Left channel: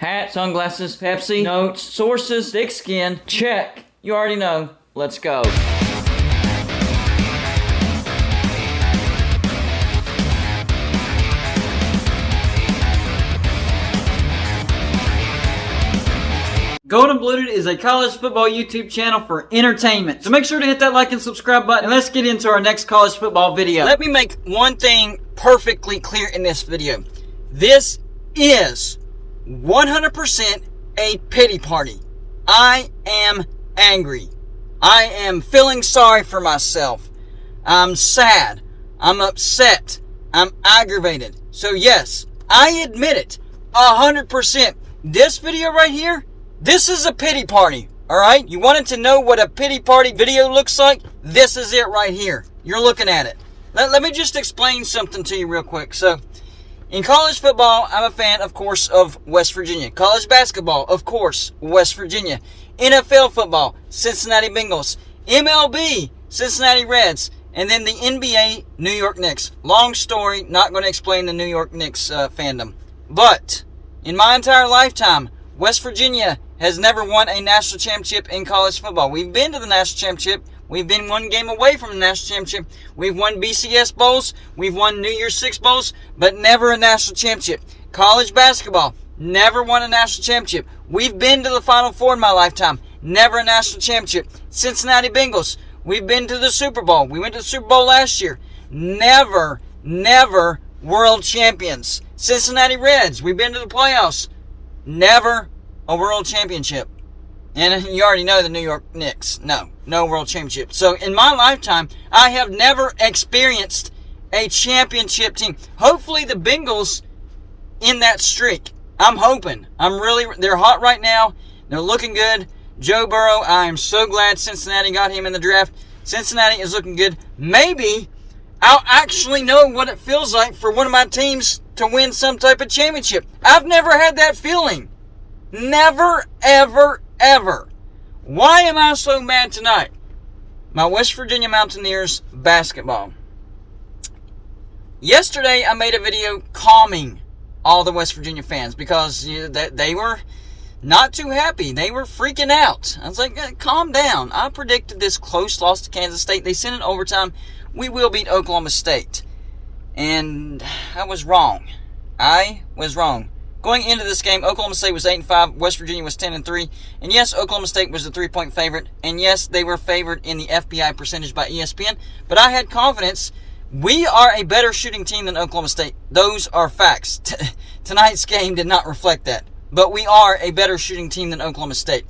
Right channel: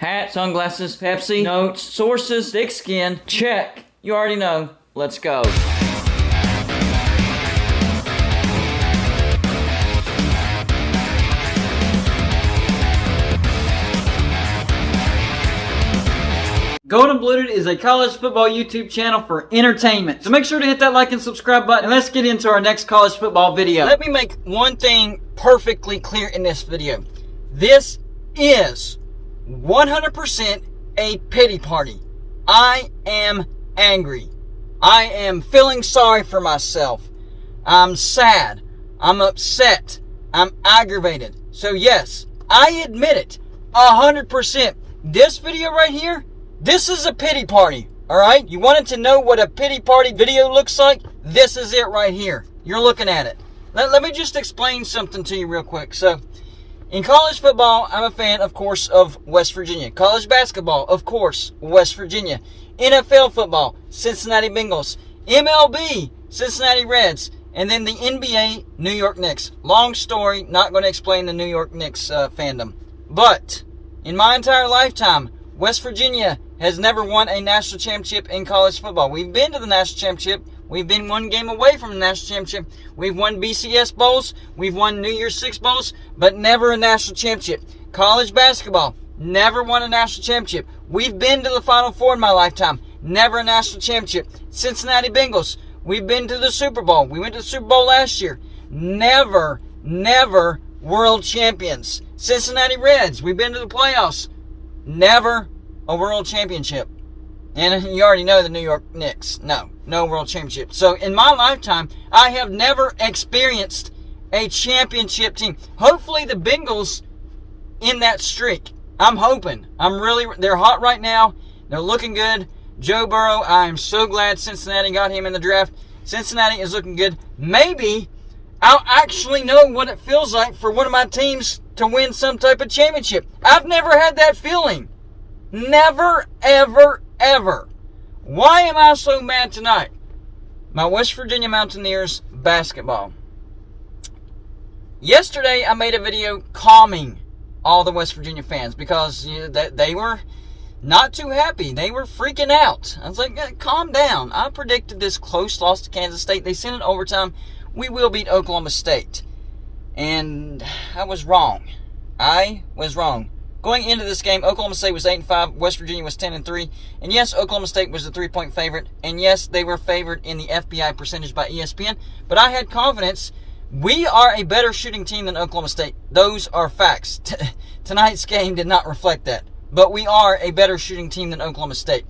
Hat, sunglasses, Pepsi, notes, sources, thick skin, check. You already know. Let's go. Golden Blued is a college football YouTube channel for entertainment. So make sure to hit that like and subscribe button, and let's get into our next college football video. Let me make one thing perfectly clear in this video. This is 100% a pity party. I am angry. I am feeling sorry for myself. I'm sad. I'm upset. I'm aggravated. So yes, I admit it 100%. This video right here, this is a pity party, alright? You wanted to know what a pity party video looks like? This is it right here. You're looking at it. Let me just explain something to you real quick. So, in college football, I'm a fan, of course, of West Virginia. College basketball, of course, West Virginia. NFL football, Cincinnati Bengals. MLB, Cincinnati Reds. And then the NBA, New York Knicks. Long story, not going to explain the New York Knicks fandom. But, in my entire lifetime, West Virginia has never won a national championship in college football. We've been to the national championship. We've been one game away from the national championship. We've won BCS bowls. We've won New Year's Six bowls, but never a national championship. College basketball, never won a national championship. We've been to the Final Four in my lifetime. Never a national championship. Cincinnati Bengals, we've been to the Super Bowl. We went to the Super Bowl last year. Never world champions. Cincinnati Reds, we've been to the playoffs. Never a world championship. And you already know the New York Knicks. No world championship. So in my lifetime, I have never experienced a championship team. Hopefully the Bengals in that streak. I'm hoping. They're hot right now. They're looking good. Joe Burrow, I am so glad Cincinnati got him in the draft. Cincinnati is looking good. Maybe I'll actually know what it feels like for one of my teams to win some type of championship. I've never had that feeling. Never, ever. Why am I so mad tonight? My West Virginia Mountaineers basketball. Yesterday, I made a video calming all the West Virginia fans because they were not too happy. They were freaking out. I was like, hey, calm down. I predicted this close loss to Kansas State. They sent it overtime. We will beat Oklahoma State. And I was wrong. Going into this game, Oklahoma State was 8-5, West Virginia was 10-3, and yes, Oklahoma State was the 3-point favorite, and yes, they were favored in the FBI percentage by ESPN, but I had confidence. We are a better shooting team than Oklahoma State. Those are facts. Tonight's game did not reflect that, but we are a better shooting team than Oklahoma State.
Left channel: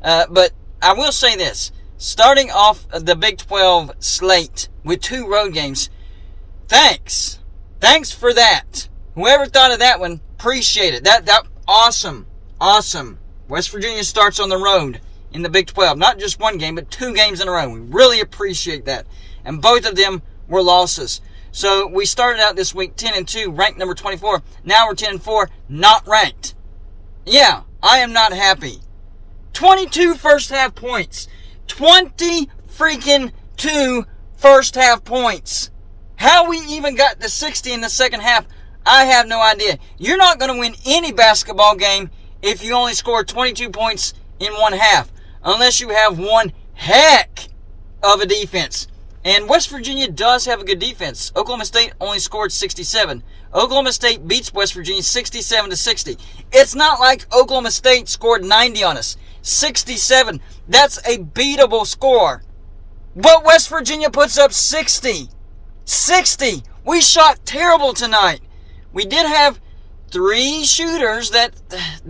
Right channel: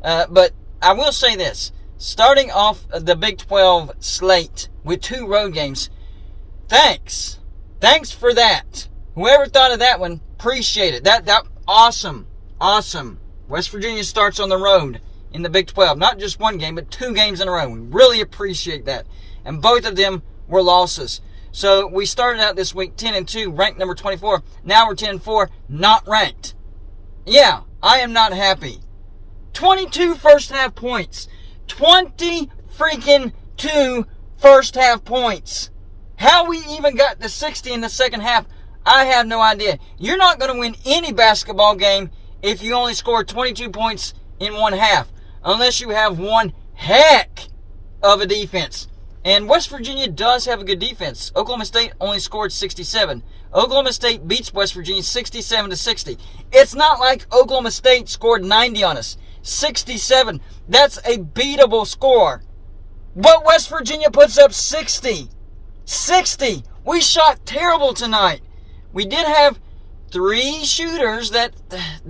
But I will say this, starting off the Big 12 slate with 2 road games, thanks for that. Whoever thought of that one, appreciate it. That awesome. West Virginia starts on the road in the Big 12. Not just one game, but 2 games in a row. We really appreciate that. And both of them were losses. So we started out this week 10-2, ranked number 24. Now we're 10-4, not ranked. Yeah, I am not happy. 22 first half points. 20 freaking 2 first half points. How we even got to 60 in the second half, I have no idea. You're not going to win any basketball game if you only score 22 points in one half, unless you have one heck of a defense. And West Virginia does have a good defense. Oklahoma State only scored 67. Oklahoma State beats West Virginia 67-60. It's not like Oklahoma State scored 90 on us. 67. That's a beatable score. But West Virginia puts up 60. 60. We shot terrible tonight. We did have 3 shooters that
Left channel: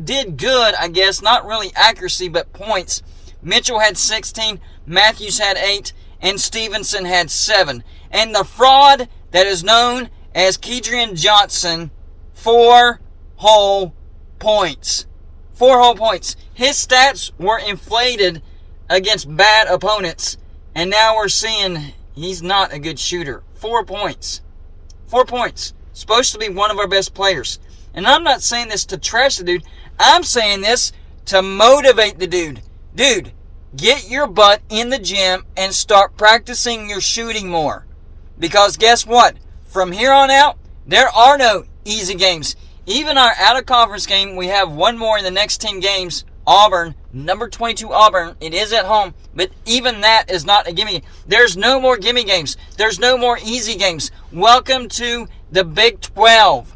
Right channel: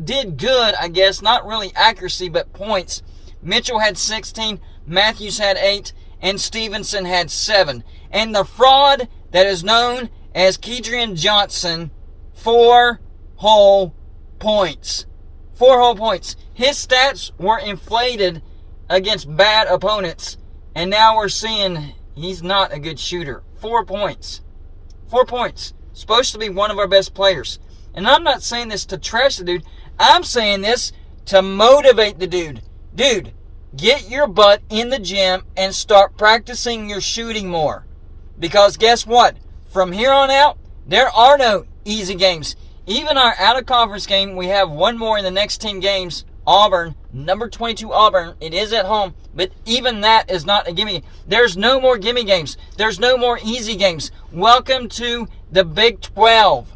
did good, I guess. Not really accuracy, but points. Mitchell had 16, Matthews had 8, and Stevenson had 7. And the fraud that is known as Kedrian Johnson, 4 whole points. 4 whole points. His stats were inflated against bad opponents, and now we're seeing he's not a good shooter. 4 points. 4 points. Supposed to be one of our best players. And I'm not saying this to trash the dude. I'm saying this to motivate the dude. Dude, get your butt in the gym and start practicing your shooting more. Because guess what? From here on out, there are no easy games. Even our out-of-conference game, we have one more in the next 10 games. Auburn, number 22 Auburn. It is at home, but even that is not a gimme. There's no more gimme games. There's no more easy games. Welcome to the Big 12.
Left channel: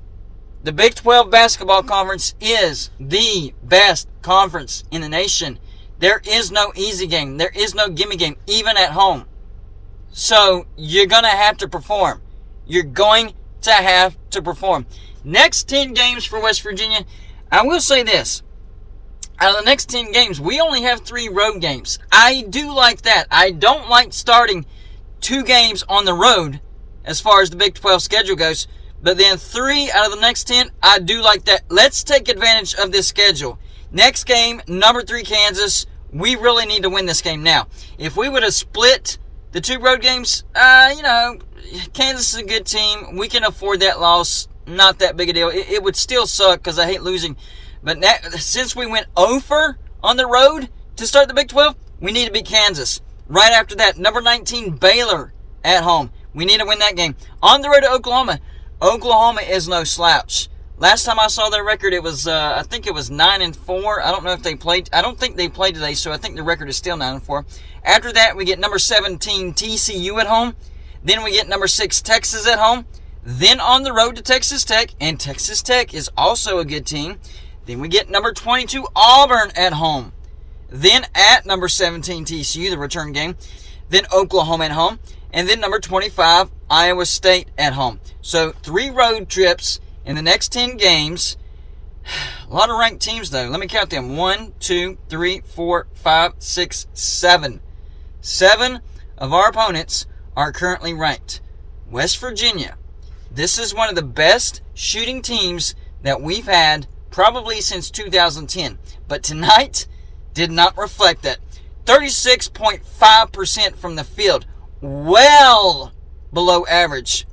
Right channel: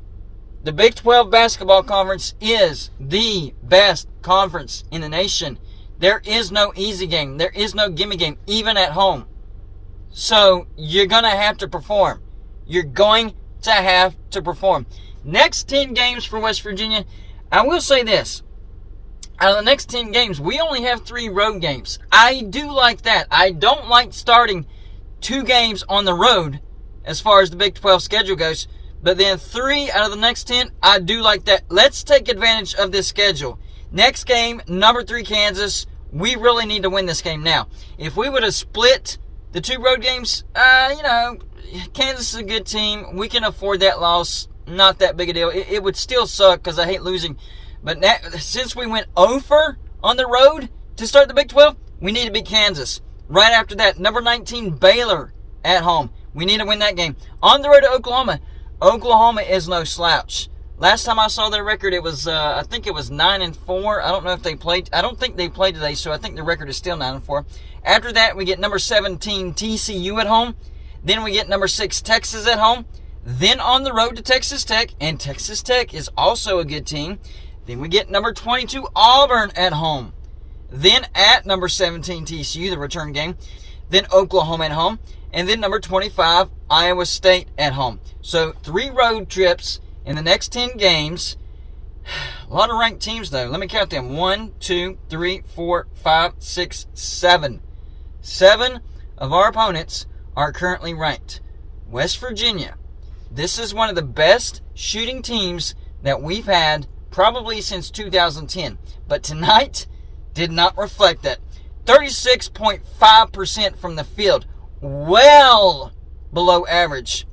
The Big 12 basketball conference is the best conference in the nation. There is no easy game. There is no gimme game, even at home. So you're going to have to perform. You're going to have to perform. Next 10 games for West Virginia, I will say this. Out of the next 10 games, we only have 3 road games. I do like that. I don't like starting 2 games on the road as far as the Big 12 schedule goes. But then 3 out of the next 10, I do like that. Let's take advantage of this schedule. Next game, number 3 Kansas. We really need to win this game now. If we would have split the 2 road games, Kansas is a good team. We can afford that loss. Not that big a deal. It would still suck because I hate losing. But since we went over on the road to start the Big 12, we need to beat Kansas. Right after that, number 19 Baylor at home. We need to win that game. On the road to Oklahoma. Oklahoma is no slouch. Last time I saw their record, it was I think it was 9-4. I don't know if they played. I don't think they played today, so I think the record is still 9-4. After that, we get number 17 TCU at home. Then we get number 6 Texas at home. Then on the road to Texas Tech, and Texas Tech is also a good team. Then we get number 22 Auburn at home. Then at number 17 TCU, the return game. Then Oklahoma at home. And then number 25 Iowa State at home. So 3 road trips in the next 10 games. A lot of ranked teams, though. Let me count them. 1, 2, 3, 4, 5, 6, 7. 7 of our opponents are currently ranked. West Virginia. This is one of the best shooting teams that we've had probably since 2010. But tonight did not reflect that. 36.5% from the field. Well below average.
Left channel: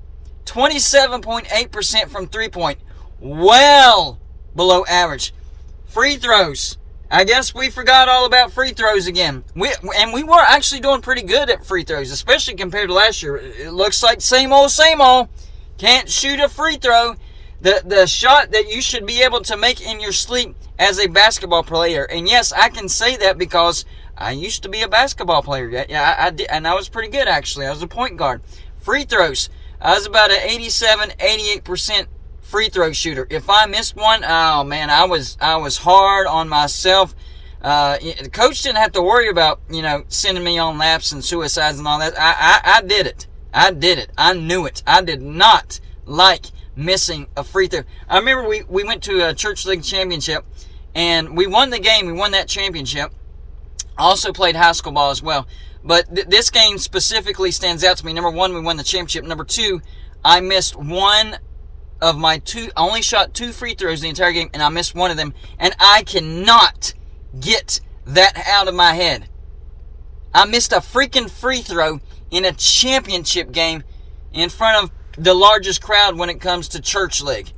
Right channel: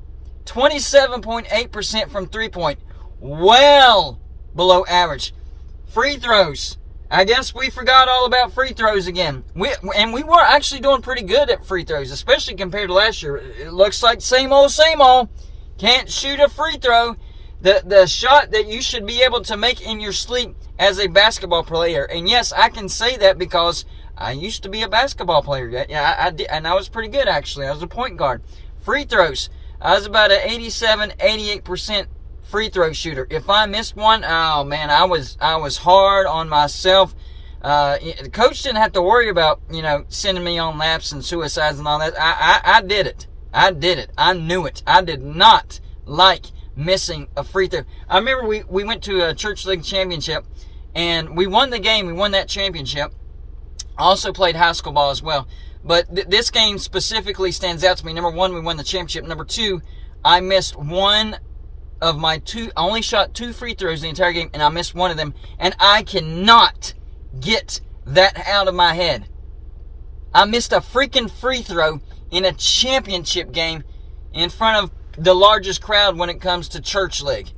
27.8% from three-point. Well below average. Free throws. I guess we forgot all about free throws again. We were actually doing pretty good at free throws, especially compared to last year. It looks like same old, same old. Can't shoot a free throw. The shot that you should be able to make in your sleep as a basketball player. And yes, I can say that because I used to be a basketball player. Yeah, I did, and I was pretty good, actually. I was a point guard. Free throws. I was about an 88% free throw shooter. If I missed one, oh man, I was hard on myself. The coach didn't have to worry about, sending me on laps and suicides and all that. I did it. I did it. I knew it. I did not like missing a free throw. I remember we went to a church league championship, and we won the game. We won that championship. Also played high school ball as well. But this game specifically stands out to me. Number 1, we won the championship. Number 2, I missed one of my 2. I only shot 2 free throws the entire game, and I missed one of them. And I cannot get that out of my head. I missed a freaking free throw in a championship game in front of the largest crowd when it comes to church league.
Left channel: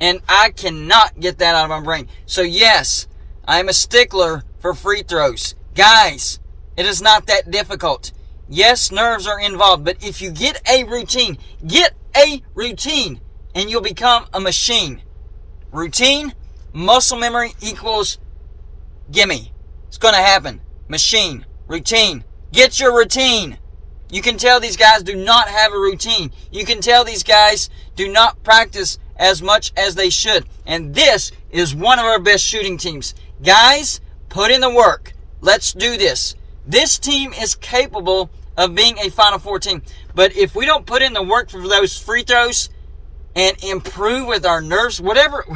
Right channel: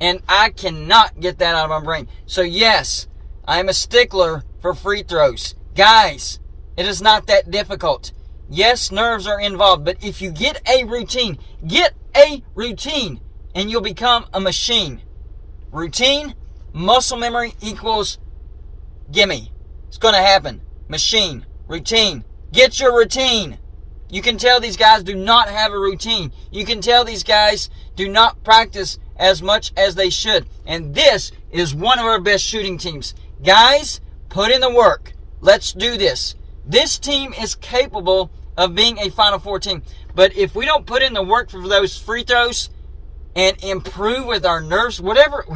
And I cannot get that out of my brain. So yes, I'm a stickler for free throws. Guys, it is not that difficult. Yes, nerves are involved, but if you get a routine, and you'll become a machine. Routine, muscle memory equals gimme. It's going to happen. Machine, routine. Get your routine. You can tell these guys do not have a routine. You can tell these guys do not practice as much as they should. And this is one of our best shooting teams. Guys, put in the work. Let's do this. This team is capable of being a Final Four team. But if we don't put in the work for those free throws and improve with our nerves, whatever.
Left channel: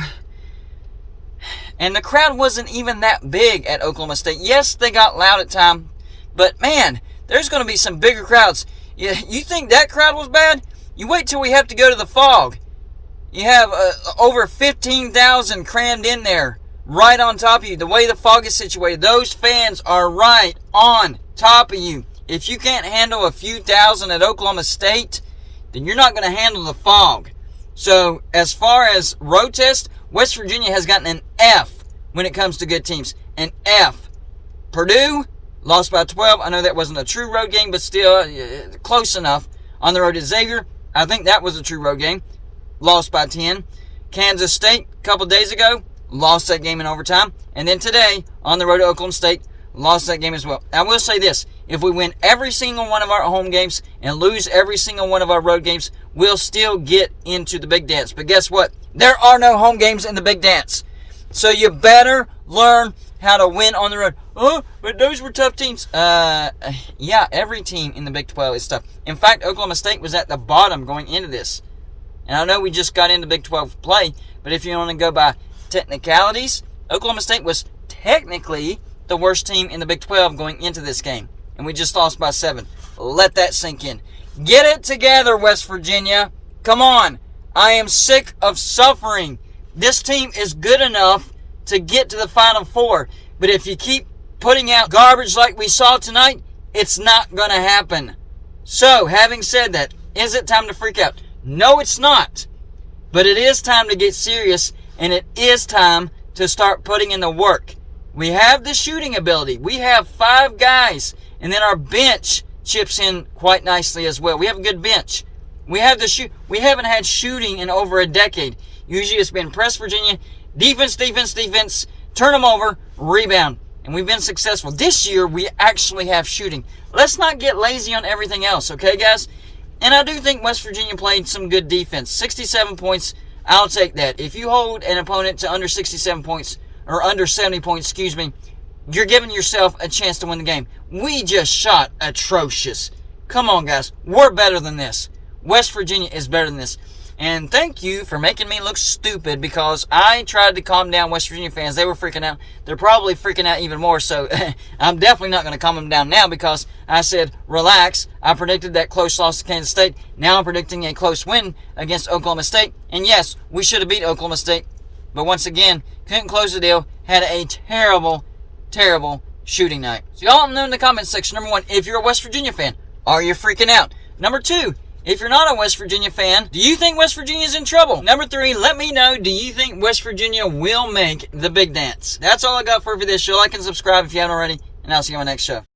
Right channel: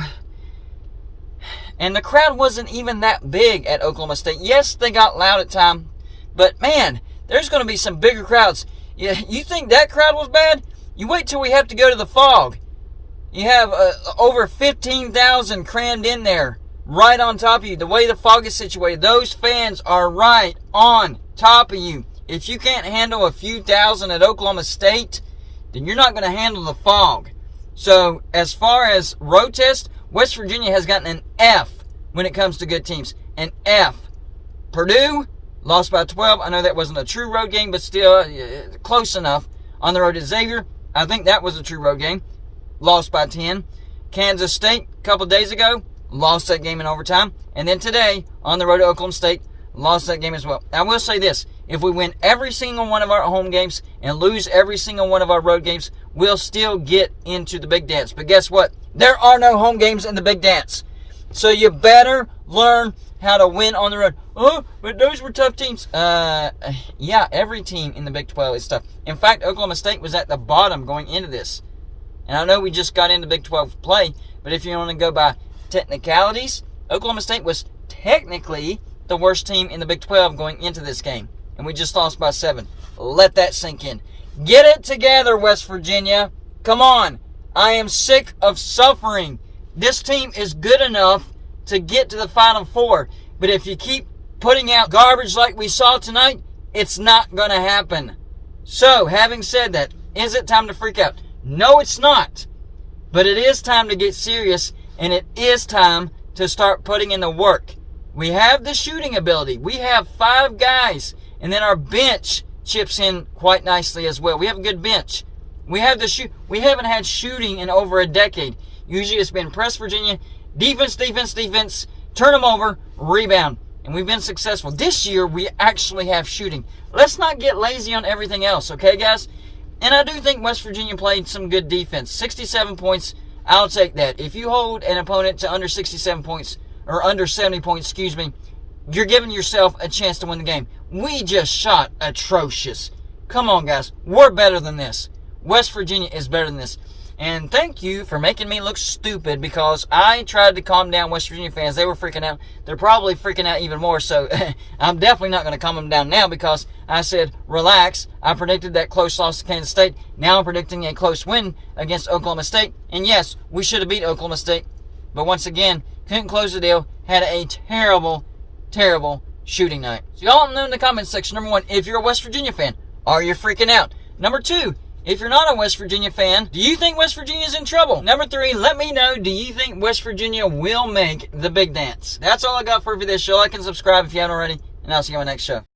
And the crowd wasn't even that big at Oklahoma State. Yes, they got loud at times. But man, there's going to be some bigger crowds. You think that crowd was bad? You wait till we have to go to the Fog. You have over 15,000 crammed in there, right on top of you. The way the Fog is situated, those fans are right on top of you. If you can't handle a few thousand at Oklahoma State, then you're not going to handle the Fog. So as far as road test, West Virginia has gotten an F when it comes to good teams. An F. Purdue lost by 12. I know that wasn't a true road game, but still close enough. On the road to Xavier, I think that was a true road game. Lost by 10. Kansas State a couple days ago, lost that game in overtime. And then today, on the road to Oklahoma State, lost that game as well. I will say this. If we win every single one of our home games and lose every single one of our road games, we'll still get into the Big Dance. But guess what? There are no home games in the Big Dance. So you better learn how to win on the road. Oh, but those were tough teams. Yeah, every team in the Big 12 is tough. In fact, Oklahoma State was at the bottom going into this. And I know we just got into Big 12 play, but if you want to go by technicalities, Oklahoma State was technically the worst team in the Big 12 going into this game. And we just lost by 7. Let that sink in. Get it together, West Virginia. Come on. I am sick of suffering. This team is good enough to get to the Final Four. But if you keep putting out garbage like we saw tonight, it's not going to happen. So, having said that, is it time to freak out? No, it's not. But it is time to get serious, and it is time to start putting in the work. We have the shooting ability. We have 5 guys, and then our bench chips in quite nicely as well. We have a good bench. We have we haven't had shooting in over a decade. Usually it's been press Virginia, defense, turn them over, rebound. And we've been successful. This year, we actually have shooting. Let's not get lazy on everything else, okay, guys? And I do think West Virginia played some good defense. 67 points, I'll take that. If you hold an opponent to under 67 points, or under 70 points, you're giving yourself a chance to win the game. We just shot atrocious. Come on, guys. We're better than this. West Virginia is better than this. And thank you for making me look stupid because I tried to calm down West Virginia fans. They were freaking out. They're probably freaking out even more. So I'm definitely not going to calm them down now because I said, relax. I predicted that close loss to Kansas State. Now I'm predicting a close win against Oklahoma State. And yes, we should have beat Oklahoma State. But once again, couldn't close the deal. Had a terrible, terrible shooting night. So y'all know in the comments section, number 1, if you're a West Virginia fan, are you freaking out? Number 2, if you're not a West Virginia fan, do you think West Virginia's in trouble? Number 3, let me know, do you think West Virginia will make the Big Dance? That's all I got for you for this show. Like and subscribe if you haven't already, and I'll see you on the next show.